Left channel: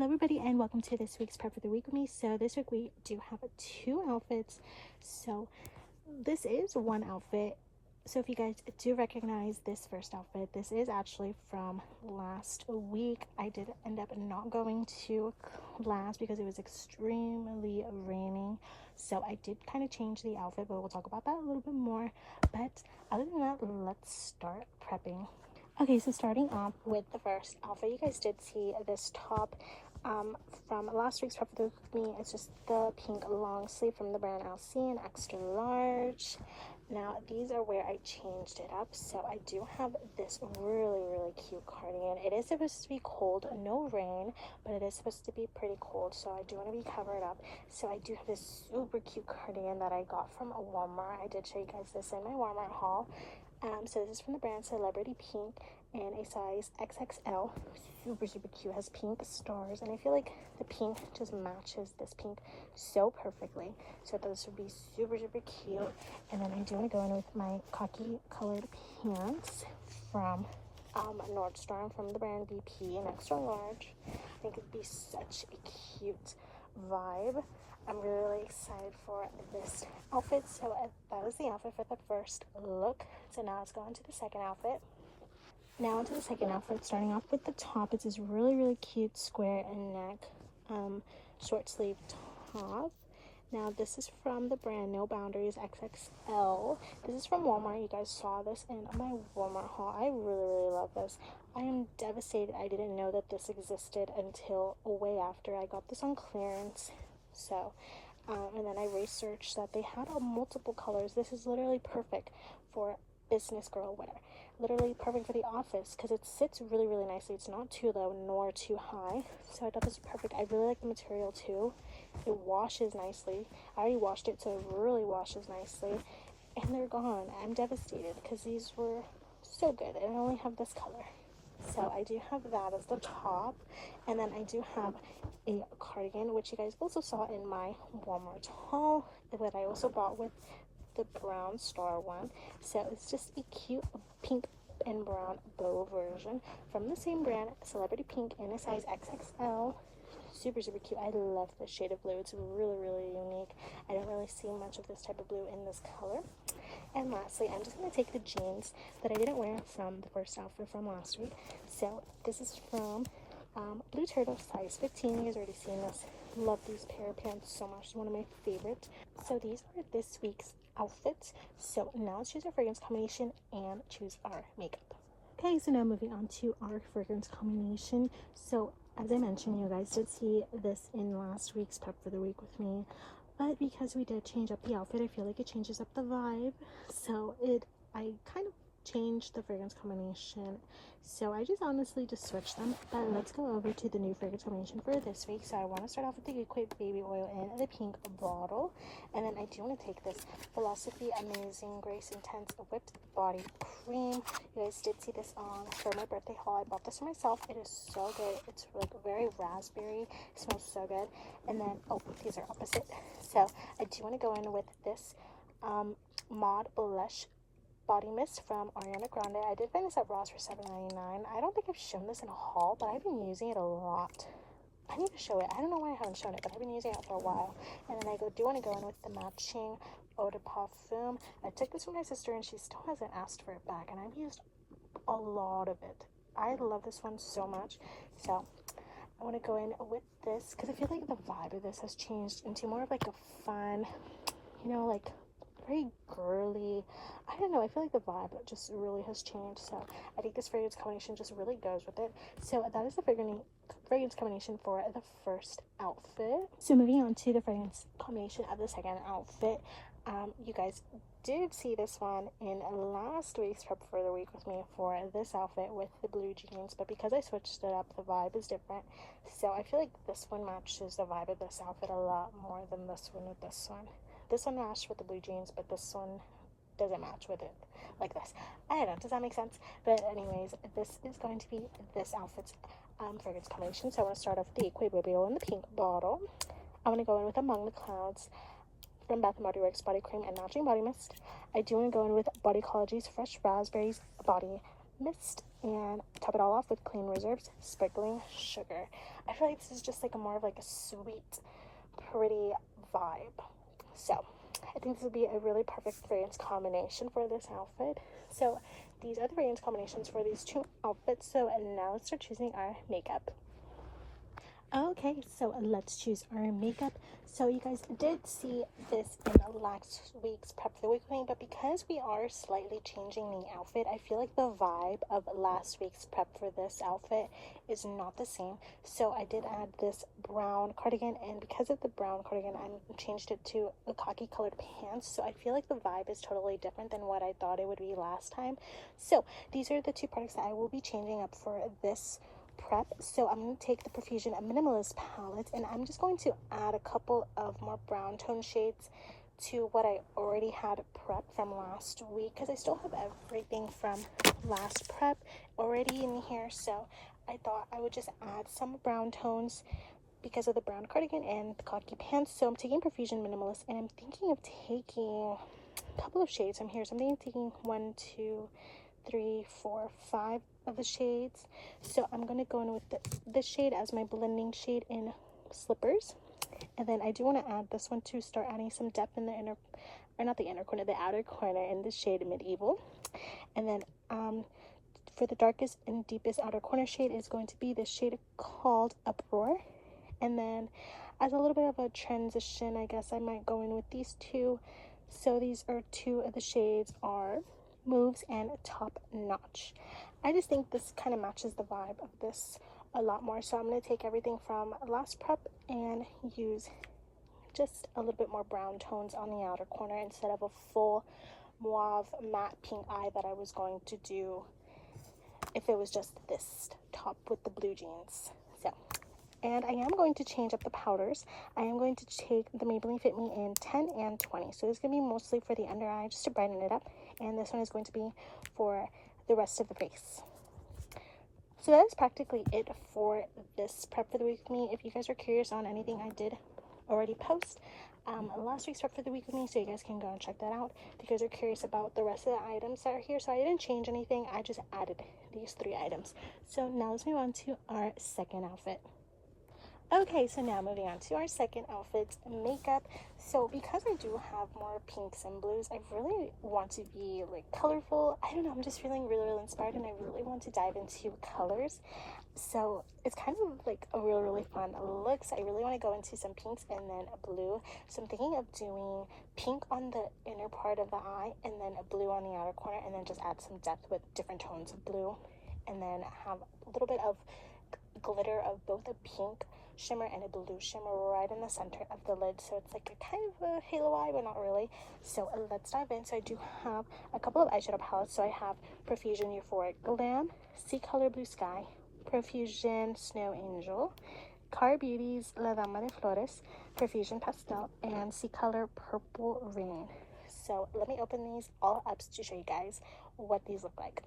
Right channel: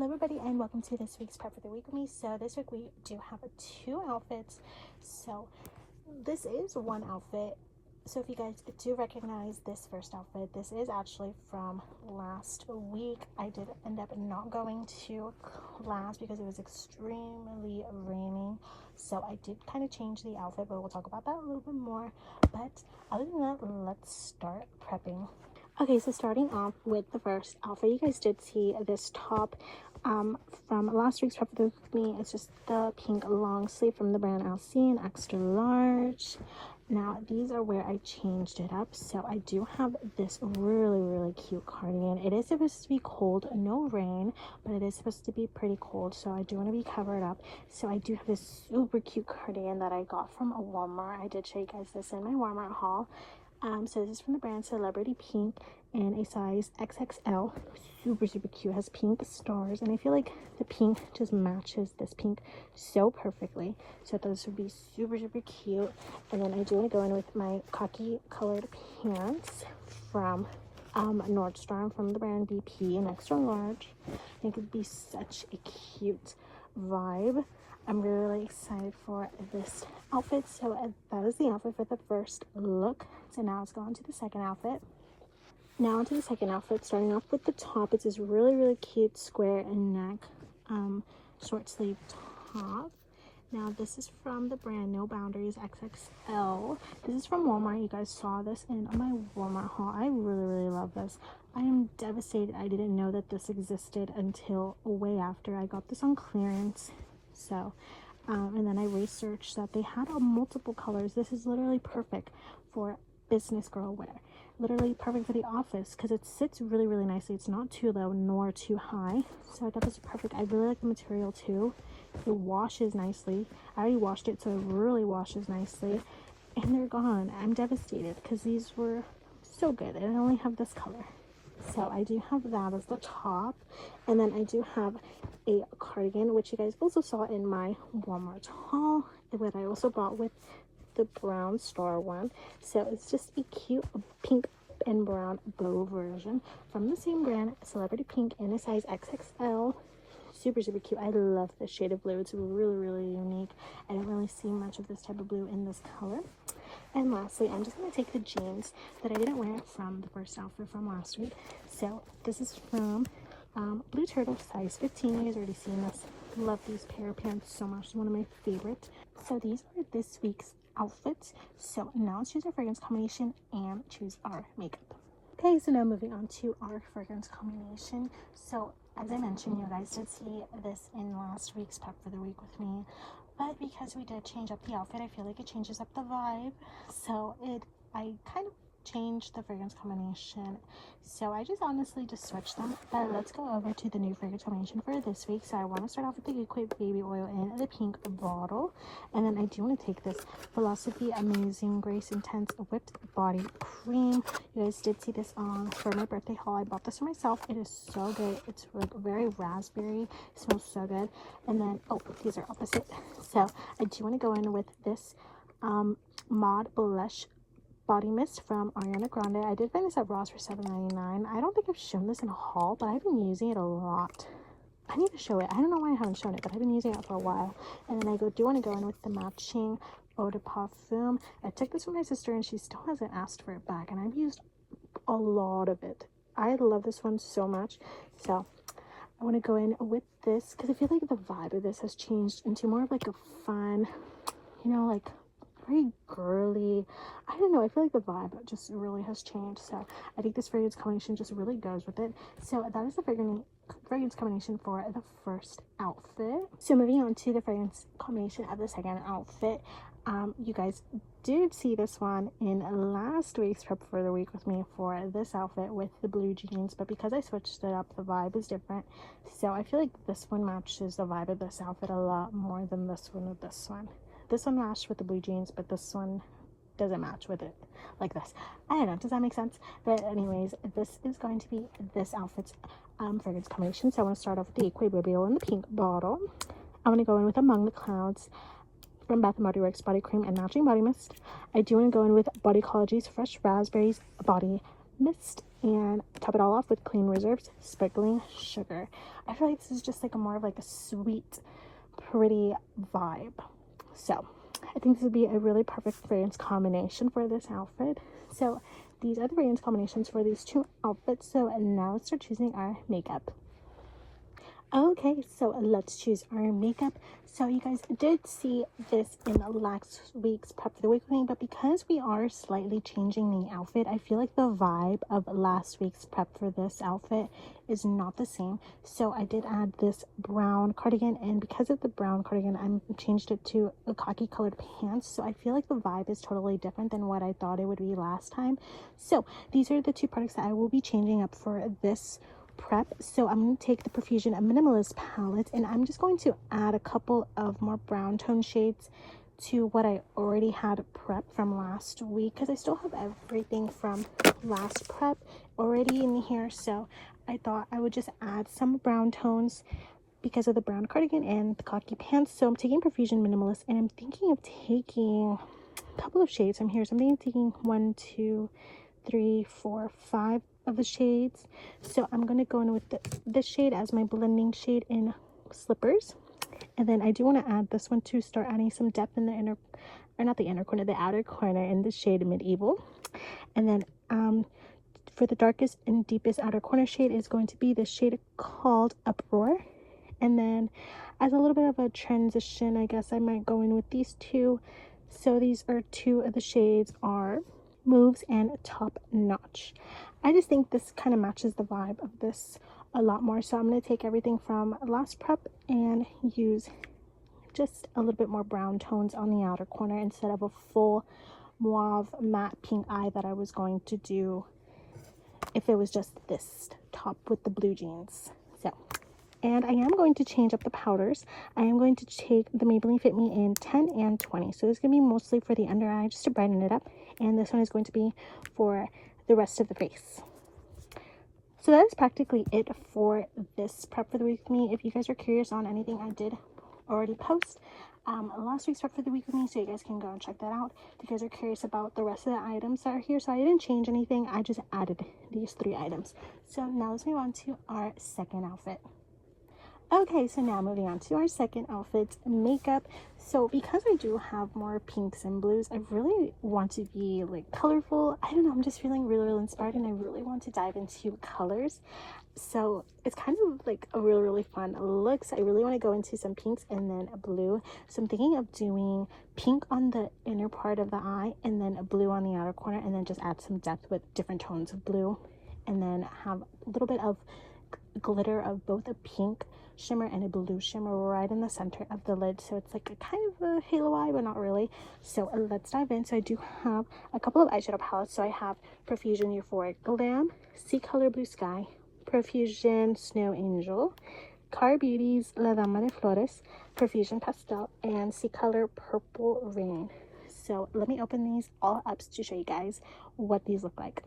Hello everybody and welcome to this week's prep for the week with me. So this week we do have two outfits. So this is one outfit. So if you guys do recognize this first outfit, this is actually from last week. I did end up not going to class because it was extremely raining. So I did kind of change the outfit, but we'll talk about that a little bit more. But other than that, let's start prepping. Okay, so starting off with the first outfit, you guys did see this top from last week's prep with me. It's just the pink long sleeve from the brand Alcine, extra large. Now these are where I changed it up. So I do have this really cute cardigan. It is supposed to be cold, no rain, but it is supposed to be pretty cold, so I do want to be covered up. So I do have this super cute cardigan that I got from Walmart. I did show you guys this in my Walmart haul. So this is from the brand Celebrity Pink in a size XXL. Super cute, has pink stars, and I feel like the pink just matches this pink so perfectly. So I thought this would be super cute. And then I do want to go in with my khaki colored pants from Nordstrom from the brand BP in extra large. I think it'd be such a cute vibe. I'm really excited for this outfit. So that is the outfit for the first look. So now let's go on to the second outfit. Now onto the second outfit, starting off with the top. It's this really cute square and neck short sleeve top. Now this is from the brand No Boundaries XXL. This is from Walmart. You guys saw this in my Walmart haul. I really love this. I am devastated I didn't know that this existed until way after. I got this on clearance. So and then I researched that they had multiple colors. This is literally perfect for business girl wear, literally perfect for the office because it sits really nicely. It's not too low nor too high, so I thought this was perfect. I really like the material too. It washes nicely. I already washed it, so it really washes nicely. And they're gone. I'm devastated because these were so good and I only have this color. So I do have that as the top, and then I do have a cardigan, which you guys also saw in my Walmart haul, that I also bought with the brown star one. So it's just a cute pink and brown bow version from the same brand, Celebrity Pink, in a size XXL. Super cute. I love this shade of blue. It's really unique. I don't really see much of this type of blue in this color. And lastly, I'm just going to take the jeans that I didn't wear from the first outfit from last week. So this is from Blue Turtle, size 15. You guys already seen this. Love these pair of pants so much. It's one of my favorites. So these are this week's outfits. So now let's choose our fragrance combination and choose our makeup. Okay, so now moving on to our fragrance combination. So as I mentioned, you guys did see this in last week's prep for the week with me, but because we did change up the outfit, I feel like it changes up the vibe. So I kind of changed the fragrance combination, so I just honestly just switched them. But let's go over to the new fragrance combination for this week. So I want to start off with the Equate Baby Oil in the pink bottle, and then I do want to take this Philosophy Amazing Grace Intense Whipped Body Cream. You guys did see this on for my birthday haul. I bought this for myself. It is so good. It's like very raspberry. It smells so good. And then these are opposite. So I do want to go in with this Maud Blush body mist from Ariana Grande. I did find this at Ross for $7.99. I don't think I've shown this in a haul, but I've been using it a lot. I need to show it. I don't know why I haven't shown it, but I've been using it for a while. And then I do want to go in with the matching eau de parfum. I took this from my sister and she still hasn't asked for it back, and I've used a lot of it. I love this one so much. So I want to go in with this because I feel like the vibe of this has changed into more of like a fun, like very girly. I don't know, I feel like the vibe just really has changed. So I think this fragrance combination just really goes with it. So that is the fragrance combination for the first outfit. So moving on to the fragrance combination of the second outfit. You guys did see this one in last week's prep for the week with me for this outfit with the blue jeans, but because I switched it up, the vibe is different. So I feel like this one matches the vibe of this outfit a lot more than this one with this one. This one matched with the blue jeans, but this one doesn't match with it like this. I don't know, does that make sense? But anyways, this is going to be this outfit's fragrance combination. So I want to start off with the Equate Baby Oil in the pink bottle. I want to go in with Among the Clouds from Bath & Body Works body cream and matching body mist. I do want to go in with Bodycology's Fresh Raspberries body mist and top it all off with Clean Reserves Sparkling Sugar. I feel like this is just like a more of like a sweet, pretty vibe. So I think this would be a really perfect fragrance combination for this outfit. So these are the fragrance combinations for these two outfits. So now let's start choosing our makeup. Okay, so let's choose our makeup. So you guys did see this in last week's prep for the week with me, but because we are slightly changing the outfit, I feel like the vibe of last week's prep for this outfit is not the same. So I did add this brown cardigan, and because of the brown cardigan, I changed it to a khaki colored pants. So I feel like the vibe is totally different than what I thought it would be last time. So these are the two products that I will be changing up for this prep. So I'm going to take the Profusion Minimalist palette, and I'm just going to add a couple of more brown tone shades to what I already had prep from last week, because I still have everything from last prep already in here. So I thought I would just add some brown tones because of the brown cardigan and the khaki pants. So I'm taking Profusion Minimalist, and I'm thinking of taking a couple of shades from here. So I'm thinking of taking 1, 2, 3, 4, 5 of the shades. So I'm going to go in with this shade as my blending shade in Slippers, and then I do want to add this one to start adding some depth in the inner, or not the inner corner, the outer corner, in the shade Medieval. And then for the darkest and deepest outer corner shade is going to be this shade called Uproar. And then as a little bit of a transition, I guess I might go in with these two. So these are two of the shades are Moves and Top Notch. I just think this kind of matches the vibe of this a lot more. So I'm going to take everything from last prep and use just a little bit more brown tones on the outer corner instead of a full mauve matte pink eye that I was going to do if it was just this top with the blue jeans. So, and I am going to change up the powders. I am going to take the Maybelline Fit Me in 10 and 20. So this is going to be mostly for the under eye, just to brighten it up. And this one is going to be for the rest of the face. So that is practically it for this prep for the week with me. If you guys are curious on anything, I did already post last week's prep for the week with me, so you guys can go and check that out if you guys are curious about the rest of the items that are here. So I didn't change anything, I just added these 3 items. So now let's move on to our second outfit. Okay, so now moving on to our second outfit, makeup. So because I do have more pinks and blues, I really want to be like colorful. I don't know, I'm just feeling really inspired, and I really want to dive into colors. So it's kind of like a really fun look. So I really want to go into some pinks and then a blue. So I'm thinking of doing pink on the inner part of the eye, and then a blue on the outer corner, and then just add some depth with different tones of blue, and then have a little bit of glitter of both a pink shimmer and a blue shimmer right in the center of the lid. So it's like a kind of a halo eye, but not really. So let's dive in. So I do have a couple of eyeshadow palettes. So I have Profusion Euphoric Glam, Sea Color Blue Sky, Profusion Snow Angel, Car Beauty's La Dama de Flores, Profusion Pastel, and Sea Color Purple Rain. So let me open these all up to show you guys what these look like.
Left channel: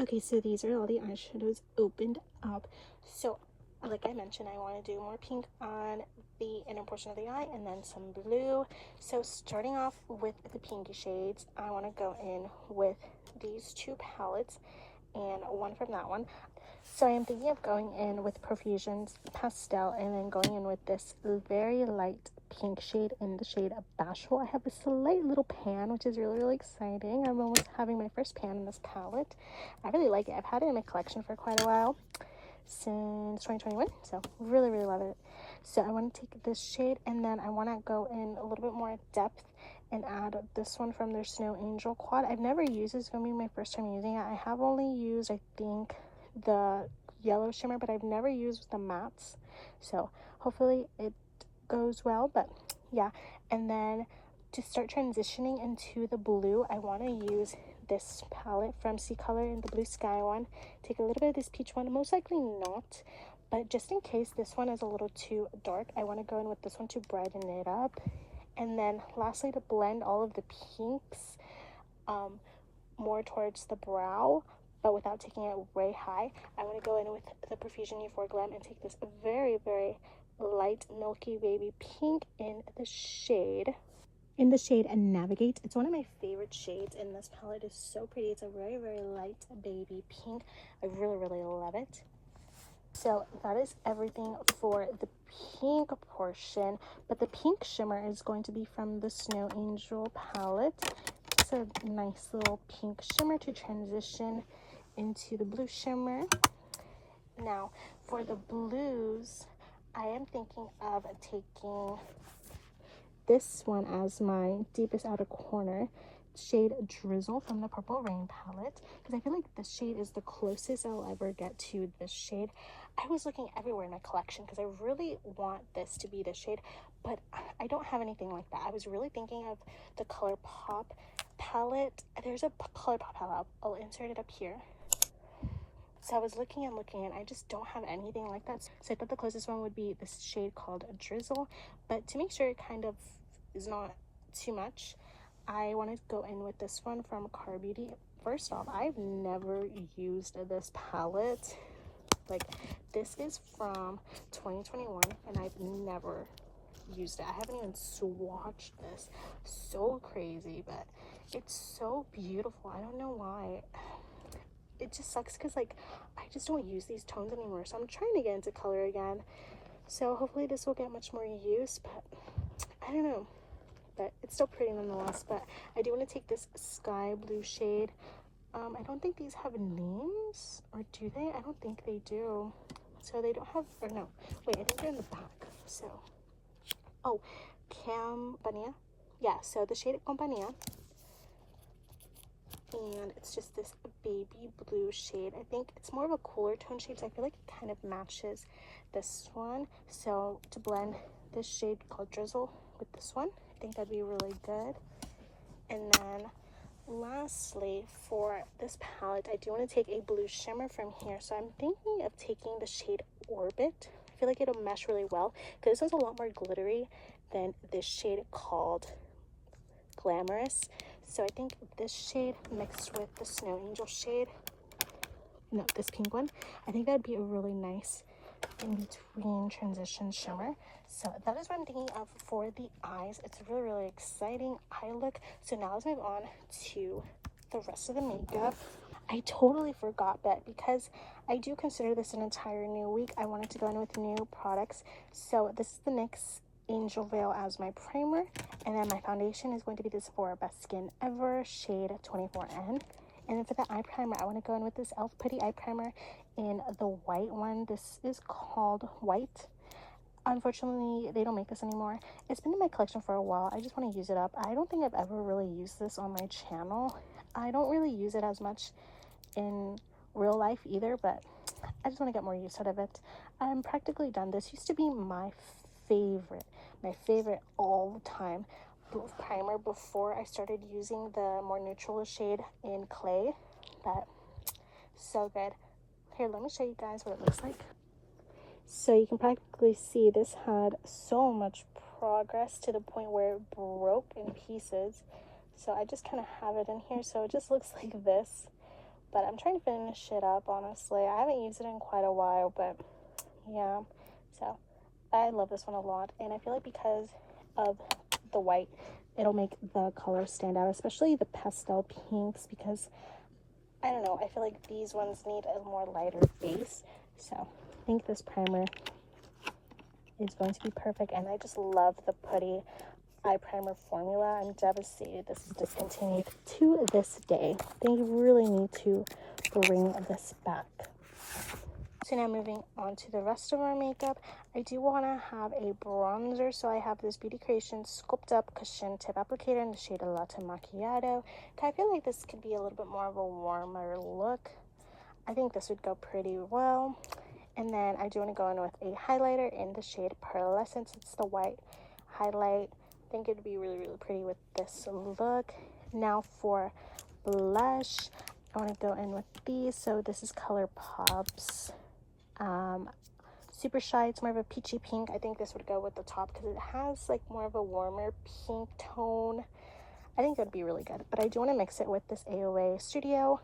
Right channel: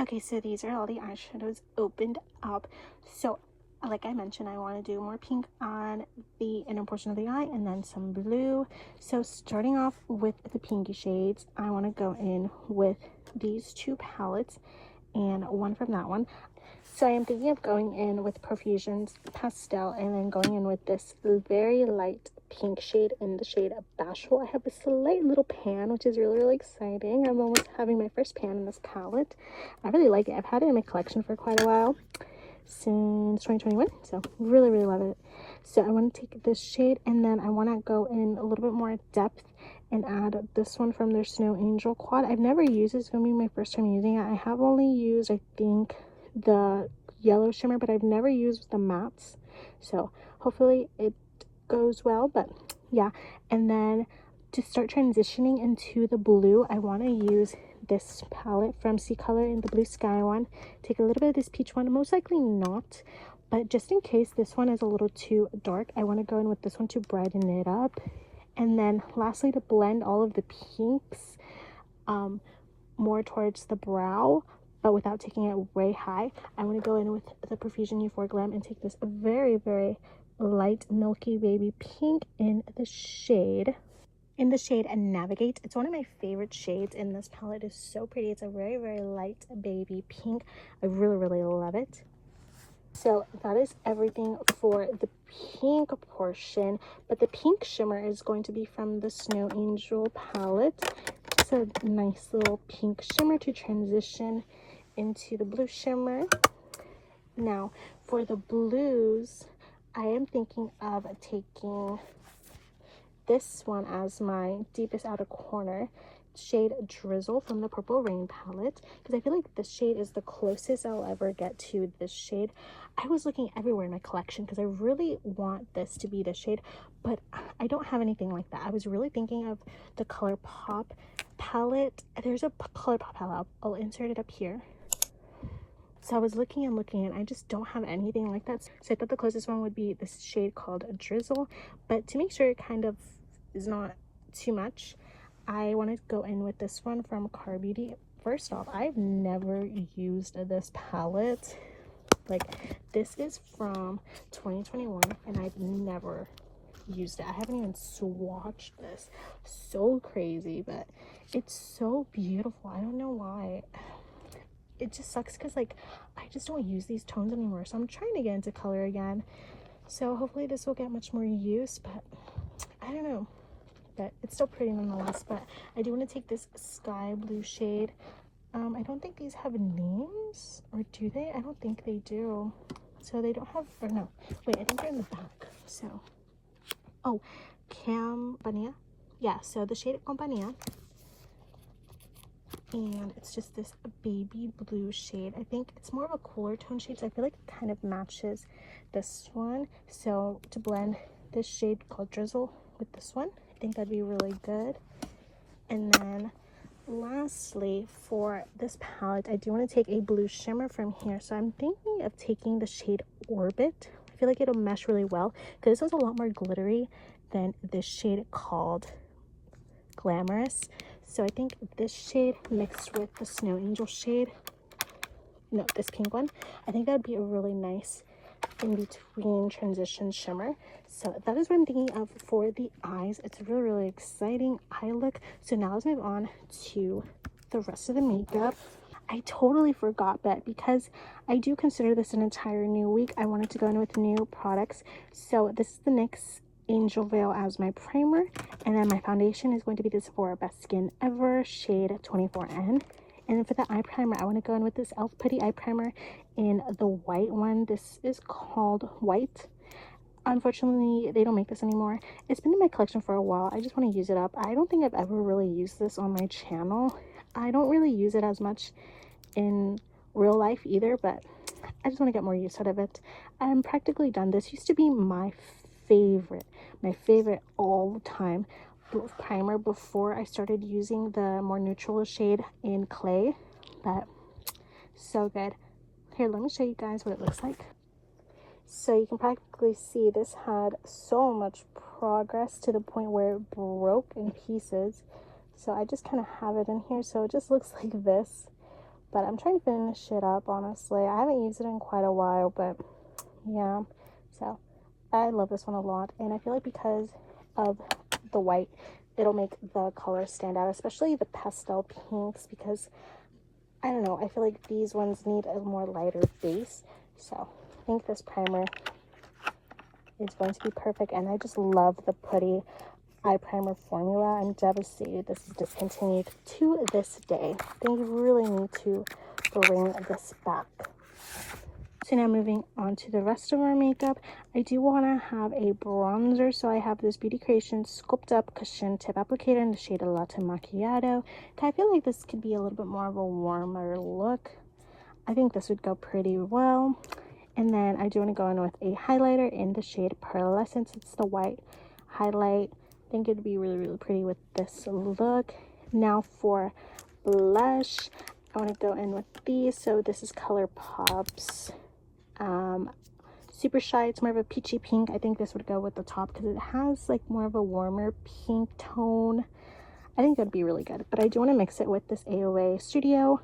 Okay, so these are all the eyeshadows opened up. So like I mentioned, I want to do more pink on the inner portion of the eye and then some blue. So starting off with the pinky shades, I want to go in with these 2 palettes and one from that one. So I am thinking of going in with Profusion's Pastel, and then going in with this very light pink shade in the shade of Bashful. I have this slight little pan, which is really exciting. I'm almost having my first pan in this palette. I really like it. I've had it in my collection for quite a while, since 2021, so really love it. So I want to take this shade, and then I want to go in a little bit more depth and add this one from their Snow Angel quad. I've never used it. It's going to be my first time using it. I have only used, I think, the yellow shimmer, but I've never used the mattes, so hopefully it goes well. But yeah, and then to start transitioning into the blue, I want to use this palette from Sea Color in the Blue Sky one. Take a little bit of this peach one, most likely not, but just in case this one is a little too dark, I want to go in with this one to brighten it up. And then lastly, to blend all of the pinks more towards the brow, but without taking it way high, I'm going to go in with the Profusion Euphoric Glam and take this very light milky baby pink in the shade in the shade and Navigate. It's one of my favorite shades in this palette. It's so pretty. It's a very, very light baby pink. I really, really love it. So that is everything for the pink portion, but the pink shimmer is going to be from the Snow Angel palette. It's a nice little pink shimmer to transition into the blue shimmer. Now for the blues, I am thinking of taking this one as my deepest outer corner, shade Drizzle from the Purple Rain palette, because I feel like this shade is the closest I'll ever get to this shade. I was looking everywhere in my collection because I really want this to be the shade, but I don't have anything like that. I was really thinking of the ColourPop palette. There's a ColourPop palette. I'll insert it up here. So I was looking and I just don't have anything like that. So I thought the closest one would be this shade called Drizzle, but to make sure it kind of is not too much, I want to go in with this one from Car Beauty. First off, I've never used this palette. Like, this is from 2021 and I've never used it. I haven't even swatched this. So crazy, but it's so beautiful. I don't know why. It just sucks because, like, I just don't use these tones anymore, so I'm trying to get into color again. So hopefully this will get much more use, but I don't know. But it's still pretty nonetheless. But I do want to take this sky blue shade. I don't think these have names, or do they? I don't think they do. So they don't have, or no, wait, I think they're in the back. So, oh, Campania. Yeah, so the shade Compania. And it's just this baby blue shade. I think it's more of a cooler tone shade, so I feel like it kind of matches this one. So to blend this shade called Drizzle with this one, I think that'd be really good. And then lastly, for this palette, I do want to take a blue shimmer from here. So I'm thinking of taking the shade Orbit. I feel like it'll mesh really well because this one's a lot more glittery than this shade called Glamorous. So I think this shade mixed with the Snow Angel shade, no, this pink one, I think that would be a really nice in-between transition shimmer. So that is what I'm thinking of for the eyes. It's really, really exciting eye look. So now let's move on to the rest of the makeup. I totally forgot, but because I do consider this an entire new week, I wanted to go in with new products. So this is the NYX Angel Veil as my primer, and then my foundation is going to be the Sephora Best Skin Ever shade 24N. And then for the eye primer, I want to go in with this e.l.f. Putty eye primer in the white one. This is called White. Unfortunately, they don't make this anymore. It's been in my collection for a while. I just want to use it up. I don't think I've ever really used this on my channel. I don't really use it as much in real life either, but I just want to get more use out of it. I'm practically done. This used to be my favorite all time primer before I started using the more neutral shade in Clay, but so good. Here, let me show you guys what it looks like. So you can practically see this had so much progress to the point where it broke in pieces. So I just kind of have it in here, so it just looks like this. But I'm trying to finish it up, honestly. I haven't used it in quite a while, but yeah. So I love this one a lot, and I feel like because of the white, it'll make the color stand out, especially the pastel pinks, because I don't know, I feel like these ones need a more lighter base. So I think this primer is going to be perfect, and I just love the Putty eye primer formula. I'm devastated this is discontinued to this day. They really need to bring this back. So now moving on to the rest of our makeup, I do want to have a bronzer. So I have this Beauty Creations Sculpt Up Cushion Tip Applicator in the shade Latte Macchiato. I feel like this could be a little bit more of a warmer look. I think this would go pretty well. And then I do want to go in with a highlighter in the shade Pearlescence. It's the white highlight. I think it'd be really, really pretty with this look. Now for blush, I want to go in with these. So this is ColourPop's Super Shy. It's more of a peachy pink. I think this would go with the top because it has like more of a warmer pink tone. I think that'd be really good, but I do want to mix it with this AOA Studio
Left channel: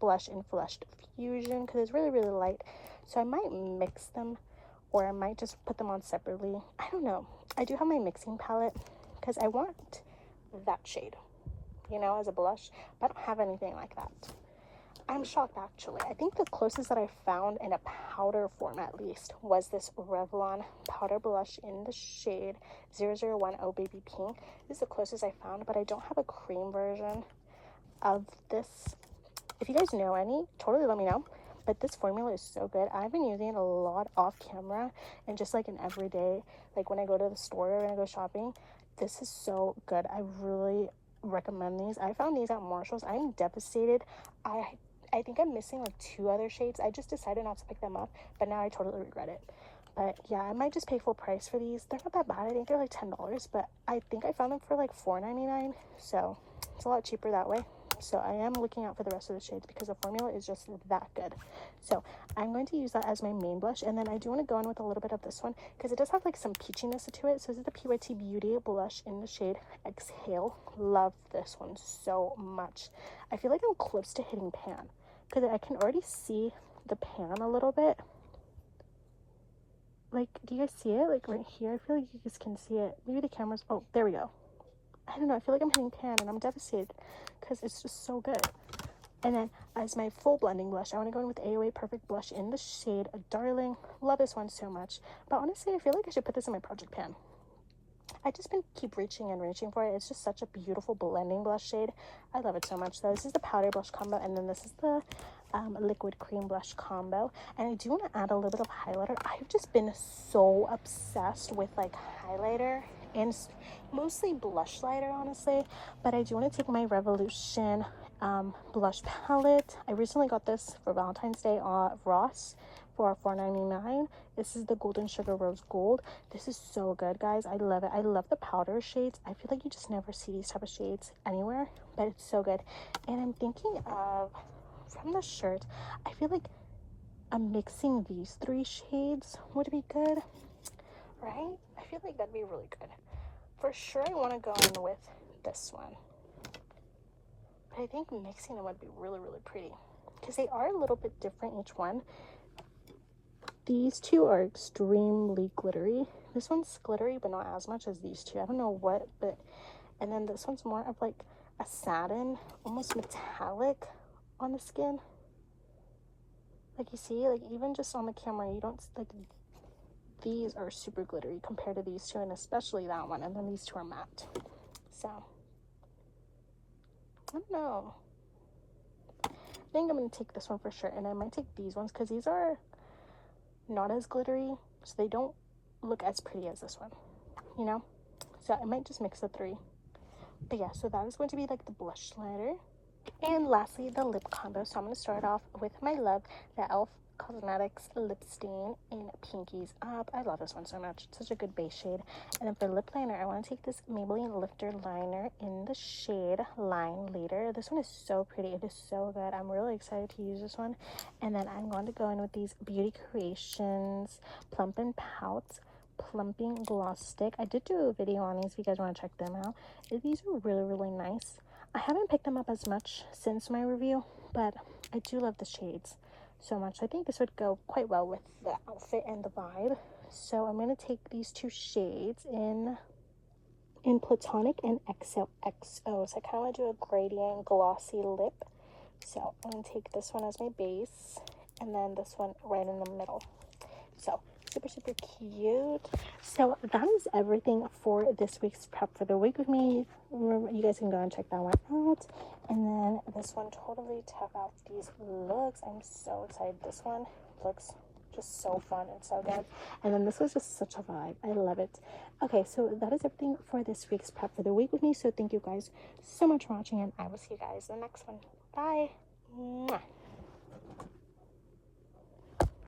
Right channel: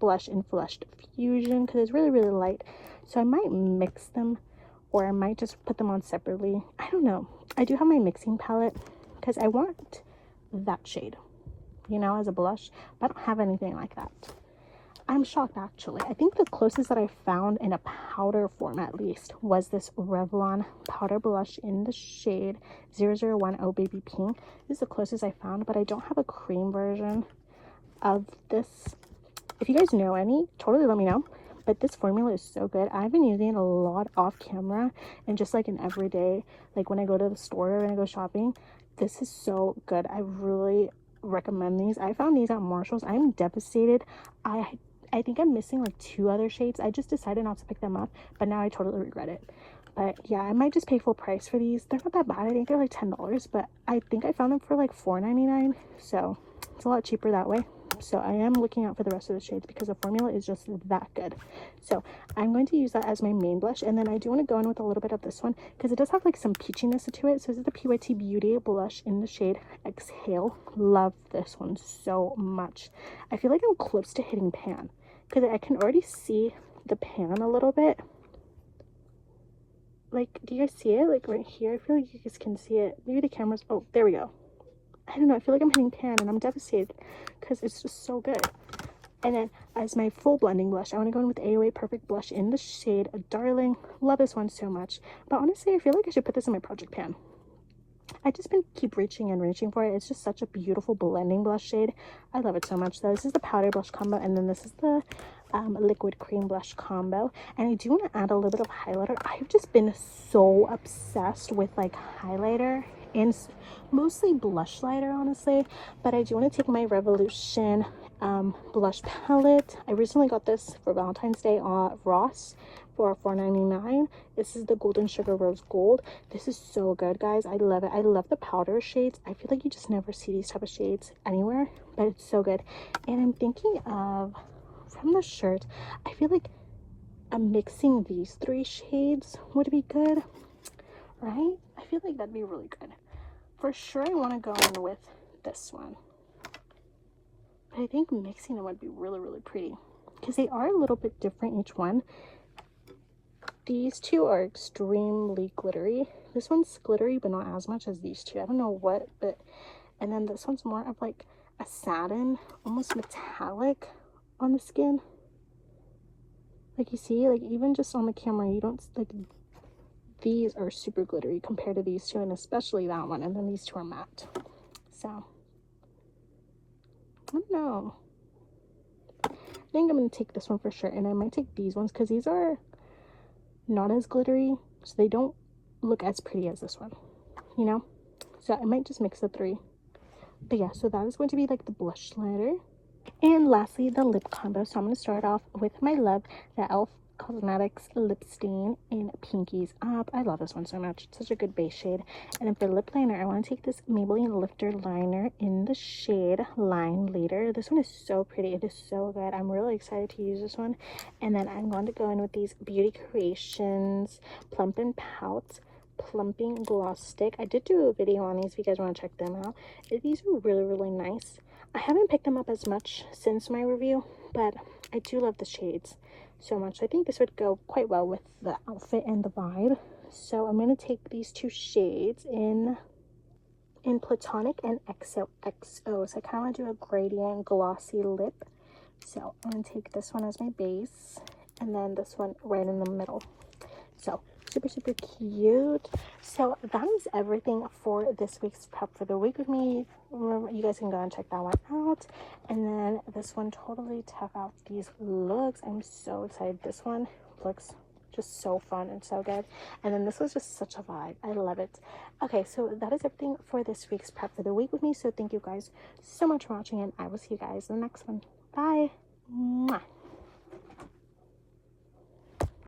blush in Flushed Fusion because it's really, really light. So I might mix them, or I might just put them on separately. I don't know. I do have my mixing palette because I want that shade, you know, as a blush, but I don't have anything like that. I'm shocked actually. I think the closest that I found in a powder form at least was this Revlon powder blush in the shade 0010 Baby Pink. This is the closest I found, but I don't have a cream version of this. If you guys know any, totally let me know. But this formula is so good. I've been using it a lot off camera and just like in everyday, like when I go to the store or when I go shopping. This is so good. I really recommend these. I found these at Marshall's. I'm devastated. I think I'm missing like 2 other shades. I just decided not to pick them up, but now I totally regret it. But yeah, I might just pay full price for these. They're not that bad. I think they're like $10, but I think I found them for like $4.99, so it's a lot cheaper that way. So I am looking out for the rest of the shades because the formula is just that good. So I'm going to use that as my main blush, and then I do want to go in with a little bit of this one because it does have like some peachiness to it. So this is the PYT Beauty blush in the shade Exhale. Love this one so much. I feel like I'm close to hitting pan because I can already see the pan a little bit. Like, do you guys see it? Like right here, I feel like you guys can see it. Maybe the camera's, oh, there we go. I don't know, I feel like I'm hitting pan and I'm devastated because it's just so good. And then as my full blending blush, I want to go in with AOA Perfect Blush in the shade Darling. Love this one so much. But honestly, I feel like I should put this in my project pan. I just been keep reaching and reaching for it. It's just such a beautiful blending blush shade. I love it so much. So this is the powder blush combo, and then this is the liquid cream blush combo. And I do want to add a little bit of highlighter. I've just been so obsessed with like highlighter and mostly blush lighter, honestly. But I do want to take my Revolution blush palette. I recently got this for Valentine's Day on Ross for $4.99. This is the Golden Sugar Rose Gold. This is so good, guys. I love it. I love the powder shades. I feel like you just never see these type of shades anywhere, but it's so good. And I'm thinking of, from the shirt, I feel like mixing these 3 shades would be good, right? I feel like that'd be really good. For sure, I want to go in with this one. But I think mixing them would be really, really pretty because they are a little bit different, each one. These 2 are extremely glittery. This one's glittery, but not as much as these 2. I don't know what, but... And then this one's more of like a satin, almost metallic on the skin. Like you see, like even just on the camera, you don't, like, these are super glittery compared to these 2, and especially that one. And then these 2 are matte. So, I don't know. I think I'm going to take this one for sure. And I might take these ones because these are not as glittery, so they don't look as pretty as this one, you know. So I might just mix the 3. But yeah, so that is going to be like the blush lighter. And lastly, the lip combo. So I'm going to start off with my love, the e.l.f. Cosmetics lip stain in Pinkies Up. I love this one so much. It's such a good base shade. And then for lip liner, I want to take this Maybelline Lifter liner in the shade Line Leader. This one is so pretty. It is so good. I'm really excited to use this one. And then I'm going to go in with these Beauty Creations Plump and Pout Plumping Gloss Stick. I did do a video on these if you guys want to check them out. These are really, really nice. I haven't picked them up as much since my review, but I do love the shades so much. I think this would go quite well with the outfit and the vibe. So I'm going to take these 2 shades in Platonic and XOXO. So I kind of want to do a gradient glossy lip. So I'm going to take this one as my base, and then this one right in the middle. So super, super cute. So that is everything for this week's prep for the week with me. Remember, you guys can go and check that one out. And then this one, totally check out these looks. I'm so excited. This one looks just so fun and so good. And then this was just such a vibe. I love it. Okay, so that is everything for this week's prep for the week with me. So thank you guys so much for watching, and I will see you guys in the next one. Bye.